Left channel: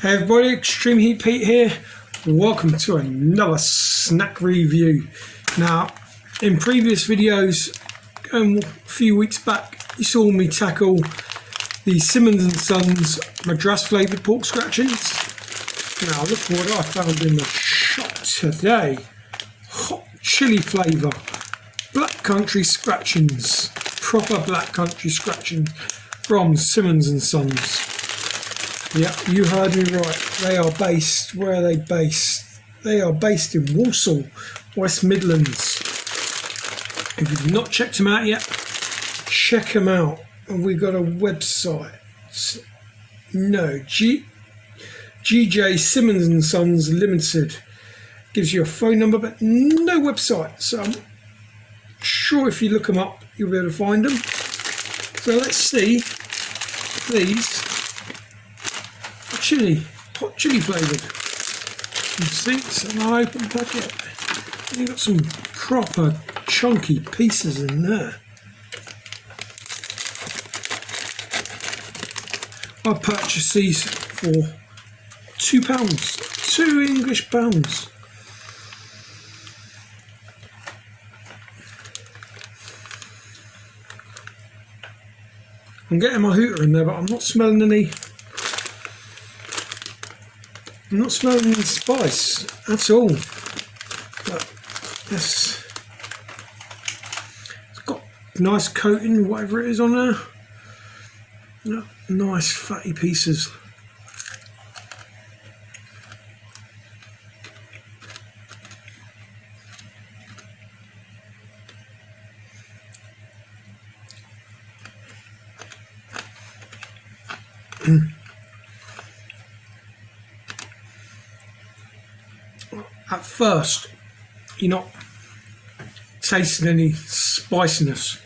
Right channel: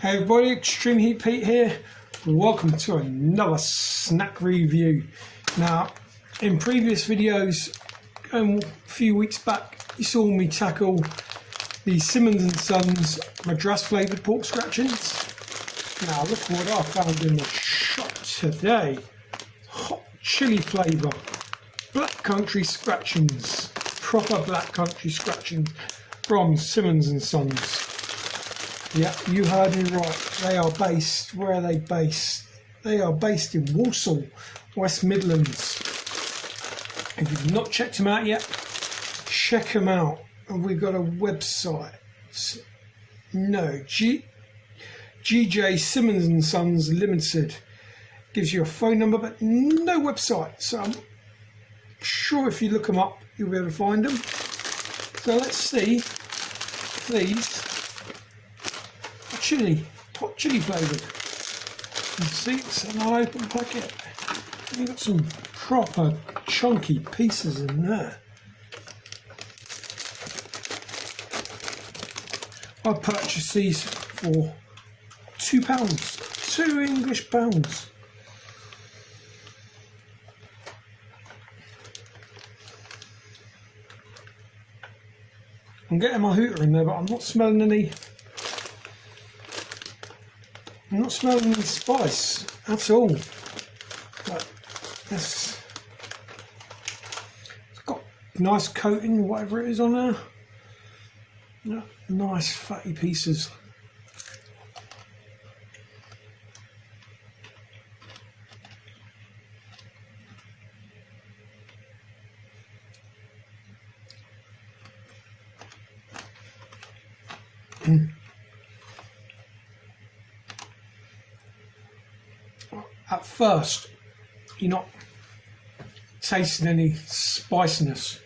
Hey everybody, Extreme Heat Pete here. Welcome to another snack review. Now, in previous videos, a few weeks back, you saw me tackle the Simmons and Sons Madras flavoured pork scratchings. Now look what I found in the shop today. Hot chili flavour, black country scratchings, proper black country scratchings from Simmons and Sons. Yeah, you heard me right. They are based, where are they based? They are based in Walsall, West Midlands. If you've not checked them out yet, check them out. And we've got a website. No, GJ Simmons and Sons Limited. Gives you a phone number, but no website. So I'm sure if you look them up, you'll be able to find them. So let's see if these hot chili flavoured. You see, it's an open packet. You've got some proper chunky pieces in there. I purchased these for £2, £2 English pounds. I'm getting my hooter in there, but I'm not smelling any. I'm not smelling any spice at all. But it's got nice coating, whatever it is on there. Yeah, nice fatty pieces. At first, you're not tasting any spiciness.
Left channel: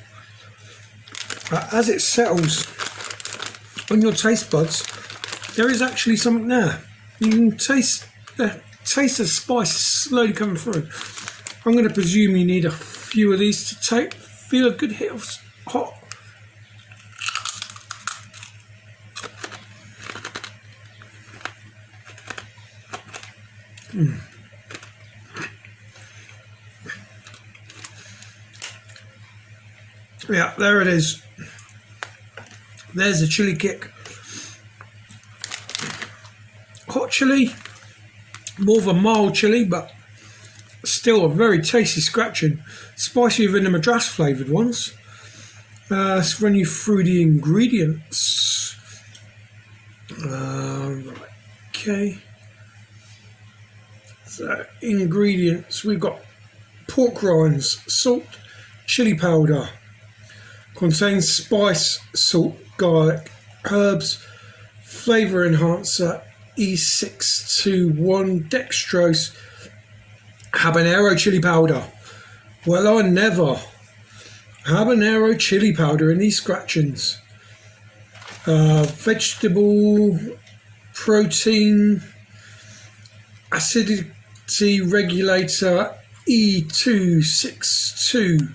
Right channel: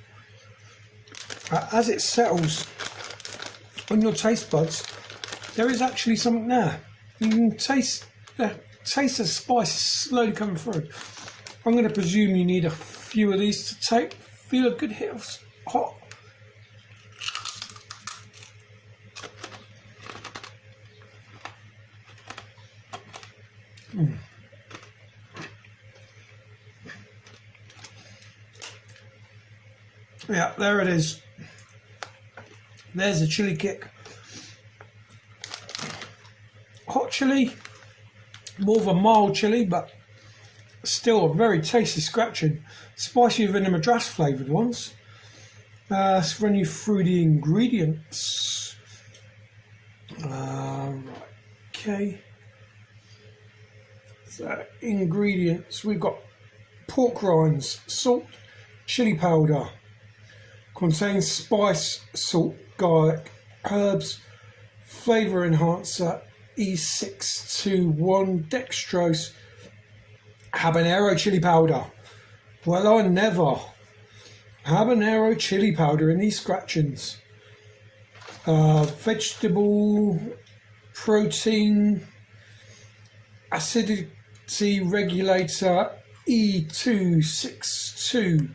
As it settles on your taste buds, there is actually something there. You can taste the spice slowly coming through. I'm going to presume you need a few of these to feel a good hit of hot. Yeah, there it is. There's a chili kick. Hot chili, more of a mild chili, but still a very tasty scratching. Spicier than the Madras flavoured ones. Let's run you through the ingredients. Right, okay. So, ingredients, we've got pork rinds, salt, chili powder. Contains spice, salt, garlic, herbs, flavour enhancer, E621, dextrose, habanero chili powder. Well, I never. Habanero chili powder in these scratchings. Vegetable, protein, acidity regulator, E262.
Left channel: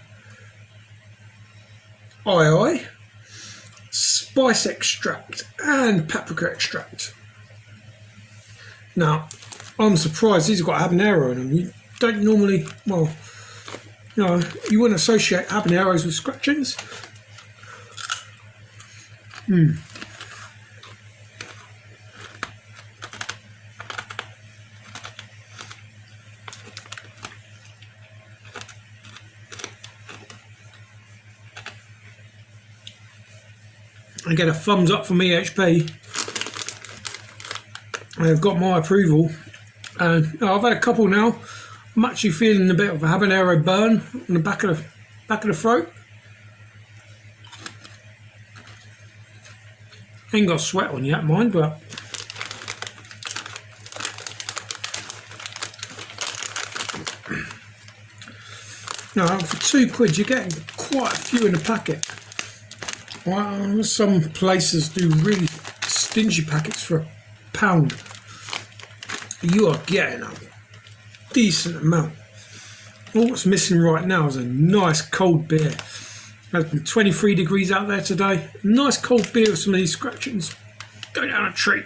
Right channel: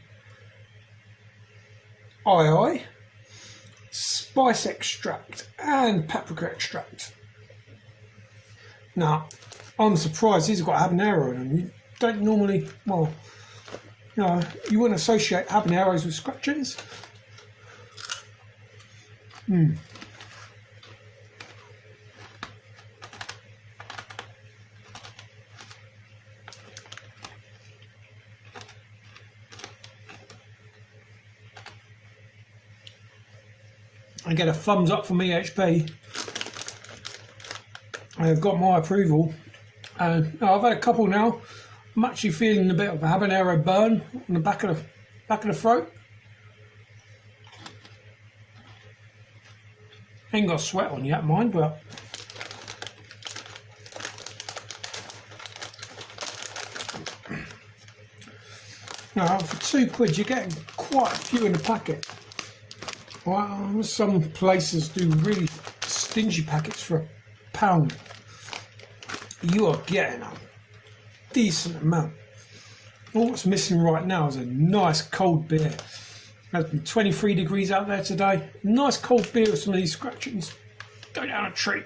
Spice extract and paprika extract. Now, I'm surprised these have got habanero in them. You don't normally, well, you wouldn't associate habaneros with scratchings. I get a thumbs up from EHP. I've got my approval, and I've had a couple now. I'm actually feeling a bit of a habanero burn on the back of the throat. Ain't got sweat on yet, mind, but now for £2 you're getting quite a few in a packet. Well, some places do really stingy packets for £1. You are getting a decent amount. All what's missing right now is a nice cold beer. It's been 23 degrees out there today. Nice cold beer with some of these scratchings. Go down a treat.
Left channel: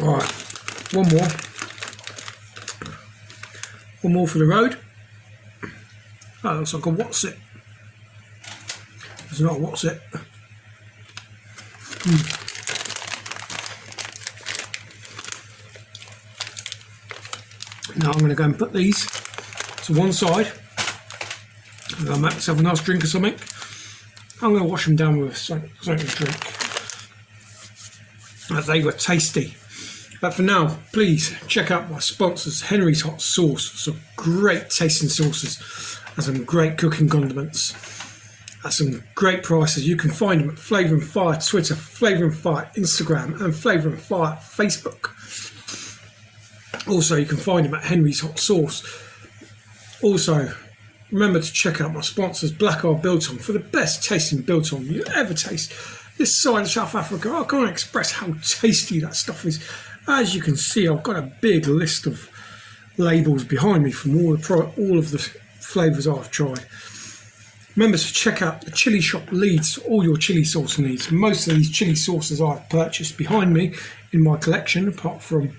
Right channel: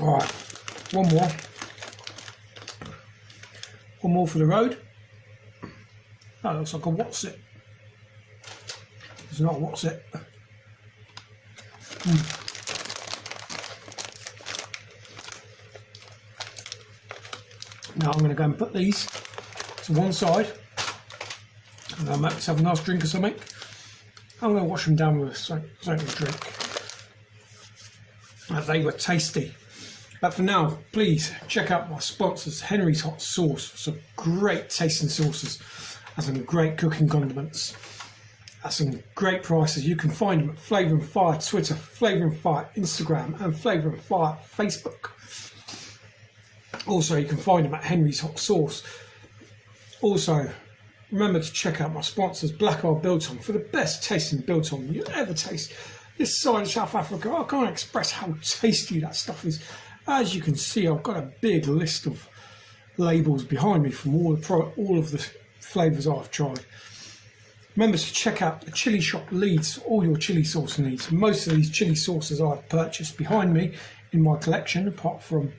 All right, one more. One more for the road. That looks like a what's it. It's not a what's it. Now I'm going to go and put these to one side. I'm going to make myself a nice drink or something. I'm going to wash them down with something to drink. They were tasty. But for now, please check out my sponsors, Henry's Hot Sauce. Some great tasting sauces and some great cooking condiments at some great prices. You can find them at Flavour and Fire Twitter, Flavour and Fire Instagram, and Flavour and Fire Facebook. Also, you can find them at Henry's Hot Sauce. Also, remember to check out my sponsors, Black Eye Biltong, for the best tasting biltong you ever taste. This side of South Africa, I can't express how tasty that stuff is. As you can see, I've got a big list of labels behind me from all of the flavours I've tried. Remember to check out the chili shop Leeds for all your chili sauce needs. Most of these chili sauces I've purchased behind me in my collection, apart from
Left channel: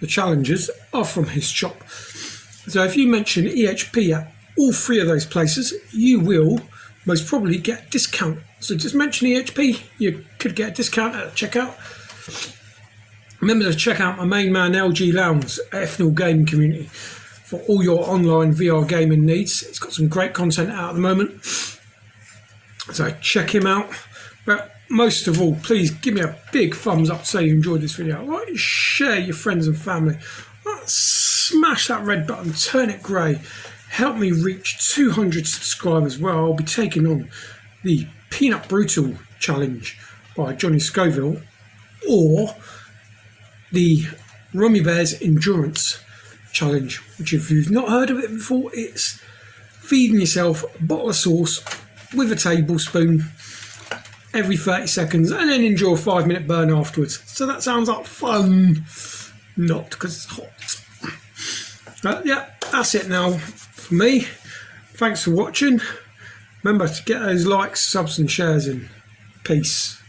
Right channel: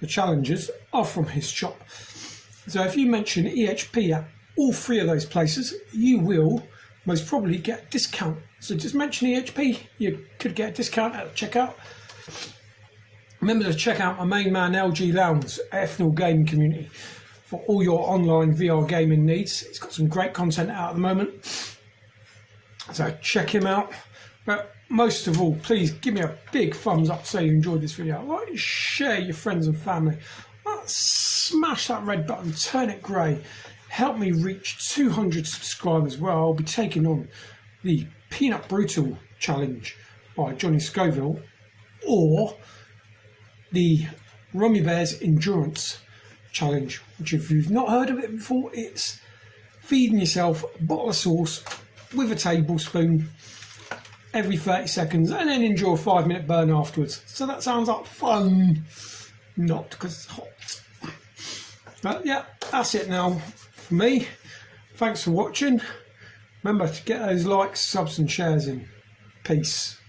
the challengers, are from his shop. So if you mention EHP at all three of those places, you will most probably get a discount. So just mention EHP, you could get a discount at checkout. Remember to check out my main man LG Lounge, FNL Gaming Community, for all your online VR gaming needs. It's got some great content out at the moment, so check him out. But most of all, please give me a big thumbs up to say you enjoyed this video. Like, share your friends and family. Smash that red button, turn it grey. Help me reach 200 subscribers, where I'll be taking on the Peanut Brutal Challenge by Johnny Scoville, or the Rummy Bears Endurance Challenge, which, if you've not heard of it before, it's feeding yourself a bottle of sauce with a tablespoon every 30 seconds and then enjoy a 5-minute burn afterwards. So that sounds like fun. Not because it's hot. Yeah, that's it now for me. Thanks for watching. Remember to get those likes, subs and shares in. Peace.